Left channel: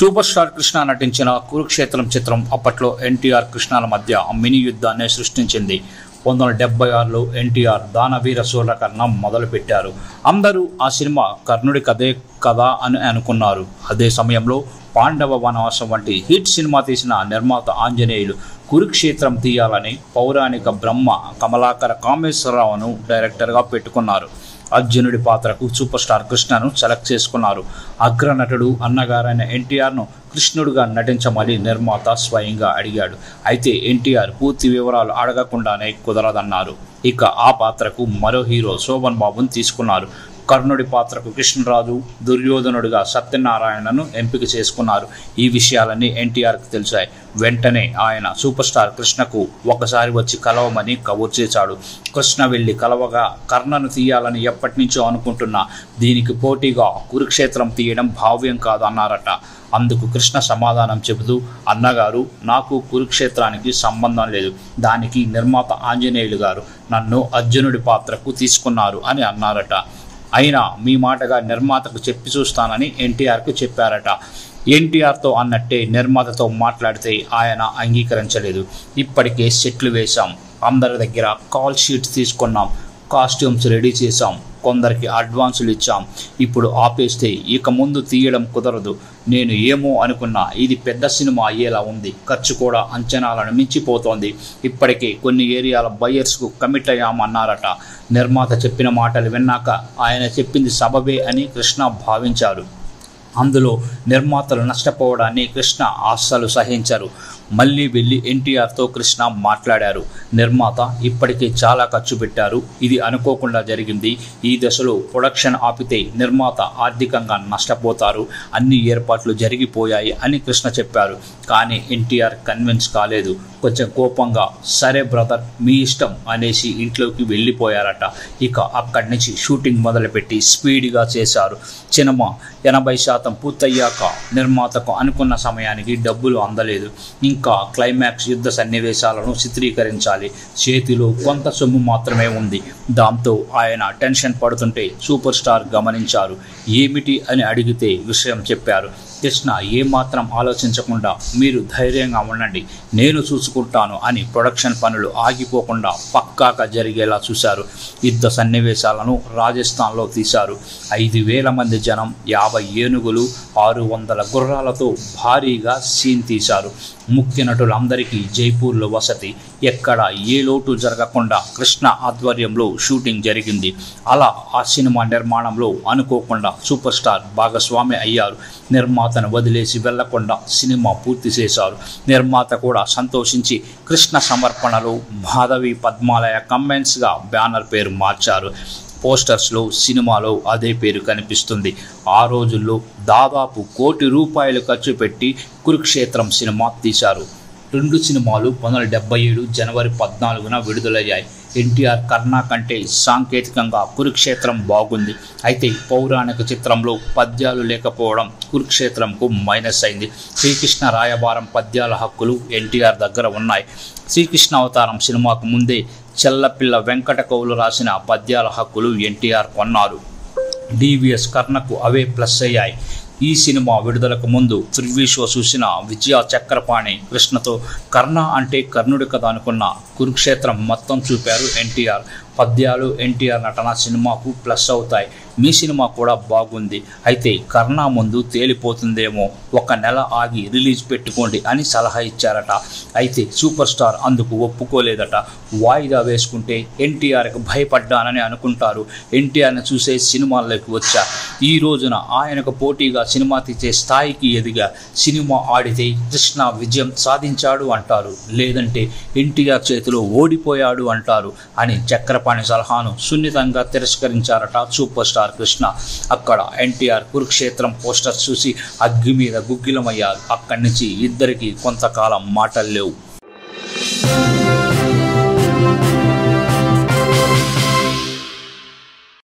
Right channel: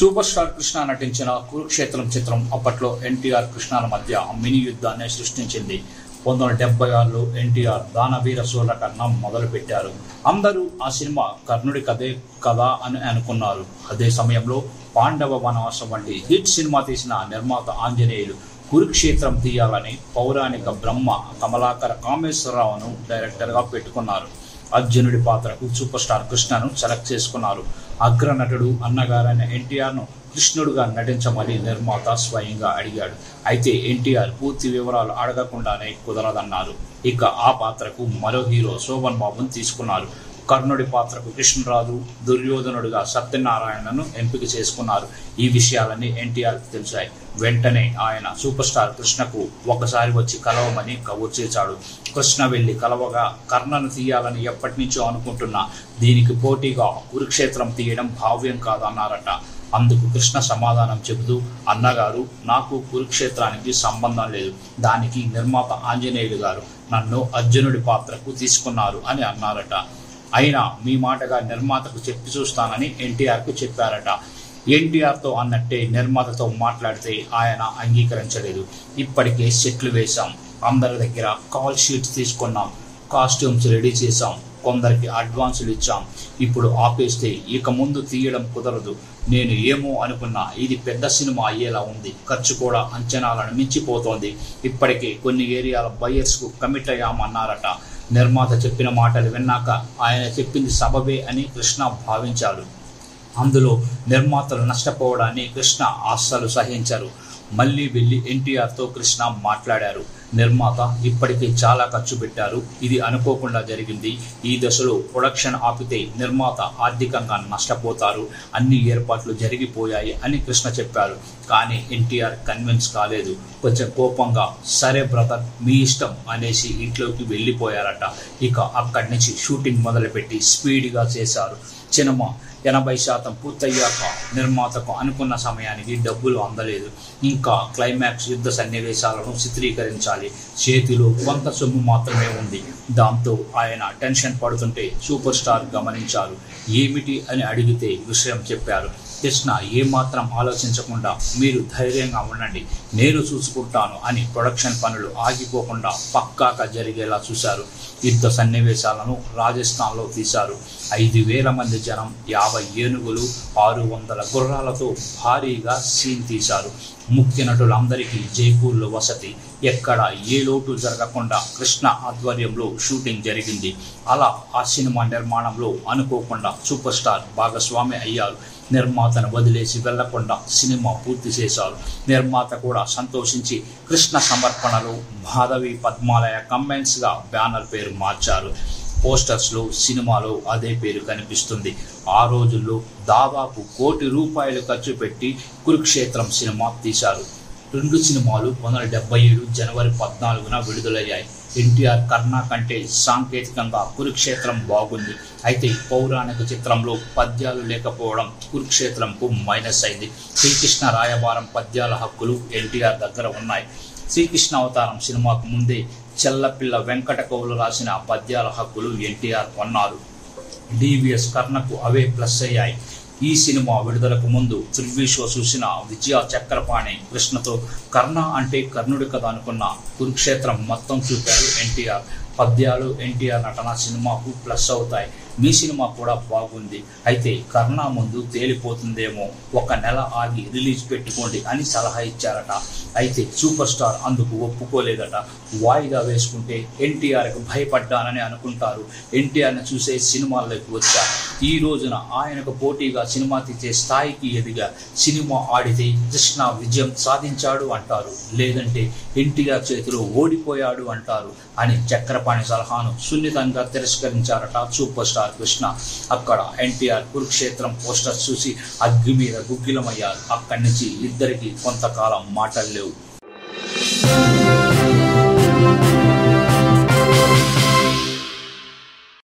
Super star Krishna నటించిన కురుక్షేత్రం చిత్రం అప్పట్లో ఎన్టీఆర్ కృష్ణల మధ్య మినీ యుద్ధాన్ని సృష్టించింది. 1976లో ఎన్టీఆర్ దానవీర సూర్యకర్ణం మొదలుపెట్టారు. అందరూ ఆ సినిమా కర్ణుడి కథే కదా అని అనుకున్నారు. అదే సమయంలో పాండవ వనవాసం వంటి హిట్ సినిమా తీసిన నిర్మాత ఆంజనేయులు కురుక్షేత్రం తీయాలని పౌరాణిక బ్రహ్మ కమలాకర కామేశ్వరరావును డైరెక్టర్గా పెట్టుకున్నారు. అర్జునుడి పాత్రకు సూపర్ స్టార్ కృష్ణను సెలెక్ట్ చేసుకున్నారు. అగ్రనటుడు అన్నగారైన ఎన్టీఆర్ను కృష్ణుడుగా నటించమని నిర్మాత స్వయంగా అడిగాడు. అయితే ఎన్టీఆర్ పూర్తి వివరాలు అడగకుండానే కుదరదన్నారు. ఇక ఆ పాత్రకు మరో హీరో శోభన్ బాబును తీసుకున్నారు. కర్ణుడి పాత్రకు కృష్ణరాజు, దుర్యోధనుడిగా సత్యనారాయణను ఎంపిక చేసుకున్నారు. ఈ విషయాలన్నీ ఎన్టీఆర్కి తెలిసాయి. వెంటనే ఆయన సూపర్ స్టార్ కృష్ణకు ఒకసారి వచ్చి కలవమని కబురు చేశాడు. కృష్ణ వెళ్లి కలవగా కర్ణను తీయాలని ఎప్పటి నుంచో అనుకుంటున్నా, దీనికి పోటీగా కురుక్షేత్రం తీయడం భావ్యం కాదన్నారట. అందుకు కృష్ణ సమాధానం చెబుతూ, అన్నగారు, నాకు కురుక్షేత్రానికి సంబంధం లేదు. దానికి నిర్మాత ఆంజనేయులు గారు నన్ను అర్జునుడి పాత్రకు తీసుకున్నారు అని అన్నారట. అయినా మీ మాటగా నిర్మాతకు చెప్పి చూస్తానని ఎన్టీఆర్కు చెప్పారట. ఎన్టీఆర్తో అన్నట్టే నిర్మాతతో మాట్లాడితే ఆయన అంగీకరించలేదు. ఇప్పటికే సెట్లు వేశాం, అందరి దగ్గర కాల్ షీట్స్ తీసుకున్నాం, కాస్ట్యూమ్స్ రెడీ చేశాం, కొందరికి అడ్వాన్సులు ఇచ్చాం. ఇప్పుడు ఆపేస్తే ఇక ముందు తీయడం కుదరదు. నేను ఏమో అనుకున్నా, ఇది పెద్ద సినిమా అయ్యేలా ఉంది. ఖర్చు కూడా అంచనాలను మించిపోతోంది. ఇప్పటికే కొన్ని ఏరియాల బయర్స్కు కమిట్ అయ్యామన్నారట. నిర్మాత చెప్పిన మాటలు విన్నాక ఆయన చెప్పింది సబబే అని కృష్ణ భావించారు. అందులో నిర్మాతలు నష్టపోవడాన్ని కృష్ణ అస్సలు సహించరు. మళ్ళీ వెళ్ళి ఎన్టీఆర్తో కృష్ణ మాట్లాడారు. నిర్మాత ఇప్పటికే చాలా ఖర్చు పెట్టారు, ఇది అనుకోకుండా జరిగింది. ఈ దశలో ప్రొడక్షన్ ఆపితే నిర్మాత ఆర్థికంగా నష్టపోతారు. అన్ని ఏర్పాట్లు జరిగిపోయాయి అని కృష్ణ చెప్పారు. కానీ ఎన్టీఆర్ కన్విన్స్ కాలేదు. కొంచెం కోపంగా, సరే బ్రదర్, మీ ఇష్టం అనేసి ఇంట్లోకి వెళ్ళిపోయారట. ఇక అక్కడి నుంచి షూటింగ్ మొదలుపెట్టి స్పీడ్గా చేశారు. సినిమా 80% పూర్తయ్యాక నిర్మాతకు అనుకున్న సమయానికి డబ్బులు అందలేదు. ఇంకా క్లైమాక్స్ యుద్ధ సన్నివేశాలను చిత్రీకరించాలి. చేతిలో కొంత సొమ్ము మాత్రమే ఉంది. దాంతో ఆయన టెన్షన్ పడుతుంటే సూపర్ స్టార్ గమనించారు. ఏమిటి అని అడిగితే విషయం చెప్పారు. కృష్ణ ఏమాత్రం ఆలోచించకుండా, మీరు ధైర్యంగా ఉండండి, నేను చూసుకుంటాను అని ప్రొడక్షన్ పనులు ఆగిపోకుండా పక్కాగా జరిగేలా చూశారు. యుద్ధ సన్నివేశాలను రాజస్థాన్లో తీశారు. 5,000 మంది జనం, 50 ఏనుగులు, 600 గుర్రాలతో భారీగా సీన్ తీశారు. ముఖ్య నటులందరికీ జైపూర్లో వసతి. ఎక్కడ ఏ లోటు జరగకుండా కృష్ణ ఆధ్వర్యంలో షూటింగ్ జరిగింది. అలా ఆ సినిమా నిర్మాణంలో అనుకోకుండా సూపర్ స్టార్ భాగస్వామి అయ్యారు. నిర్మాతను వదిలేసి వెళ్లకుండా సినిమా పూర్తి చేశారు. నిర్మాత కూడా సంతోషించి కృష్ణ సమర్పణలో మాధవి పద్మాలయ కమెంట్స్గా బ్యానర్ పేరు మార్చారు. పోస్టర్స్లో సినిమాలో అదే పేరు కనిపిస్తుంది. ఆ రోజుల్లో దాదాపు ₹1 కోటి ఖర్చు పెట్టి కురుక్షేత్రం సినిమా తీశారు. 2 సినిమాలు 1977 జనవరి 14న విడుదలయ్యాయి. ఎన్టీఆర్ కర్ణ కంటే సాంకేతికంగా కురుక్షేత్రం బాగుంది. అయితే పౌరాణిక చిత్రంలో పద్యాలు లేకపోవడం కురుక్షేత్రంకు మైనస్ అయింది. శ్రీకృష్ణ రాయబారం పద్యాల హక్కులు ఎన్టీఆర్ దగ్గర ఉన్నాయి. శ్రీకృష్ణ అవతారం సినిమాకు ముందే చెల్లపిల్ల వెంకట కవులు రాసిన పద్యాల హక్కులు ఎన్టీఆర్ కొన్నారు. డివిఎస్ కర్ణకు అవే ప్లస్ అయ్యాయి. ఈ సినిమా విడుదలకు ముందు ప్రివ్యూ షో చూసిన విజయ చక్రపాణి కృష్ణతో, కర్ణ అంటే కర్ణుడి కథ అనుకున్న, కురుక్షేత్రం మొత్తం చూపారు ఎన్టీఆర్. పద్యాలు ఎన్టీఆర్ నటన సినిమాకు ప్లస్ అవుతాయి. మీ సినిమా కూడా బాగుంది, అయితే కర్ణ ముందు తేలిపోతుందేమో, 1 నెల ఆగి రిలీజ్ పెట్టుకోండి అని సలహా ఇచ్చారట. అయితే సూపర్ స్టార్ అందుకు ఒప్పుకోలేదట. వాయిదా వేసుకుంటే ఎన్టీఆర్కి భయపడ్డానని అనుకుంటారు. ఎన్టీఆర్ని చూసే సినిమాల్లోకి వచ్చా. ఈ రోజున ఆయనకు పోటీగా సినిమా తీసే స్థాయికి ఎదిగా. సినిమా ఆడితే కృష్ణ విజయం సాధించాడు అంటారు, లేదంటే ఎన్టీఆర్ చేతిలో ఓడిపోయాడు అంటారు అని చక్రపాణి సలహాను సున్నితంగా తిరస్కరించారట సూపర్ స్టార్ కృష్ణ. అక్కడ ఎన్టీఆర్ కురుక్షేత్రం పోస్టర్ చూసి అగ్గి మీద గుగ్గిలమయ్యారు. అక్కడి నుంచి ఇద్దరికి కొంతకాలం మాటలు లేవు.